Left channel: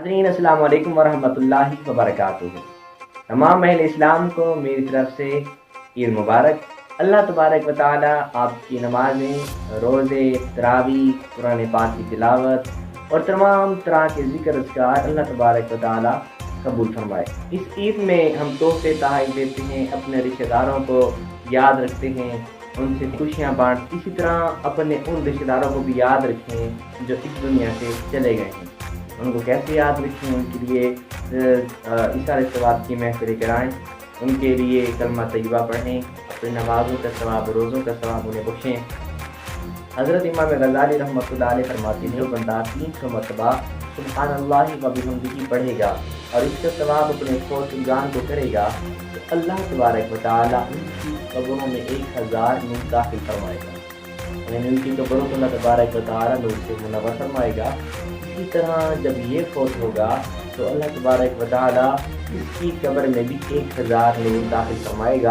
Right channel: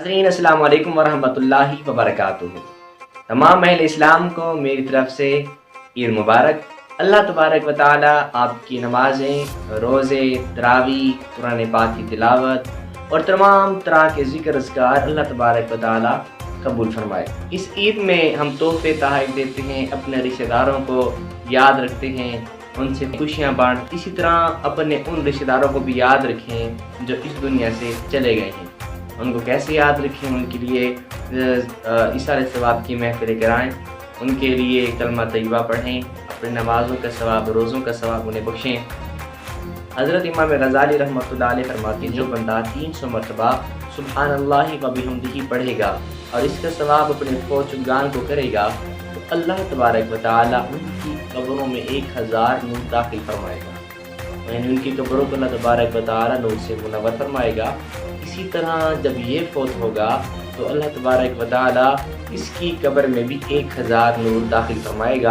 حضرین السلام علیکم ورحمۃ اللہ وبرکاتہ۔ تمام اہل اسلام کو میری طرف سے عید مبارک۔ اللہ تبارک و تعالی آپ کی نمازیں، روزے، تراویح، قرآن پاک کی تلاوت اور تمام طرح کے ذکر اذکار اللہ تبارک و تعالی قبول فرمائے۔ اس عید میں ہم تحفے تحائف دیتے ہیں، اپنے رشتہ داروں کو یاد رکھتے ہیں، ان سے خوشیاں بانٹ، اسی طرح اپنے ان رشتہ داروں کو بھی یاد رکھیں جو اس دنیا سے چلے گئے ہیں۔ ان کو کیسے یاد رکھیں؟ ان کے لیے اِصال ثواب کی محفلیں کرائیں، ان کے لیے کلمہ طیبہ پڑھیں، اپنے نمازوں کا ثواب، روزوں کا ثواب انہیں بخشیں۔ حضرت امام غزالی رحمۃ اللہ علیہ فرماتے ہیں جو بندہ 300 مرتبہ سبحان اللہ و بحمدہ پڑھے گا اور اس کا ثواب اپنے فوجگان کو کرے گا تو اللہ تبارک و تعالیٰ ان کی قبروں میں 1000 نور داخل فرمائے گا، یعنی ان کی قبروں کو اللہ تبارک و تعالیٰ نور سے منور فرمائے گا۔ اسی طرح جب یہ فوت ہوگا تو اللہ تبارک و تعالیٰ اس کی قبر میں بھی 1000 نور داخل فرمائے گا۔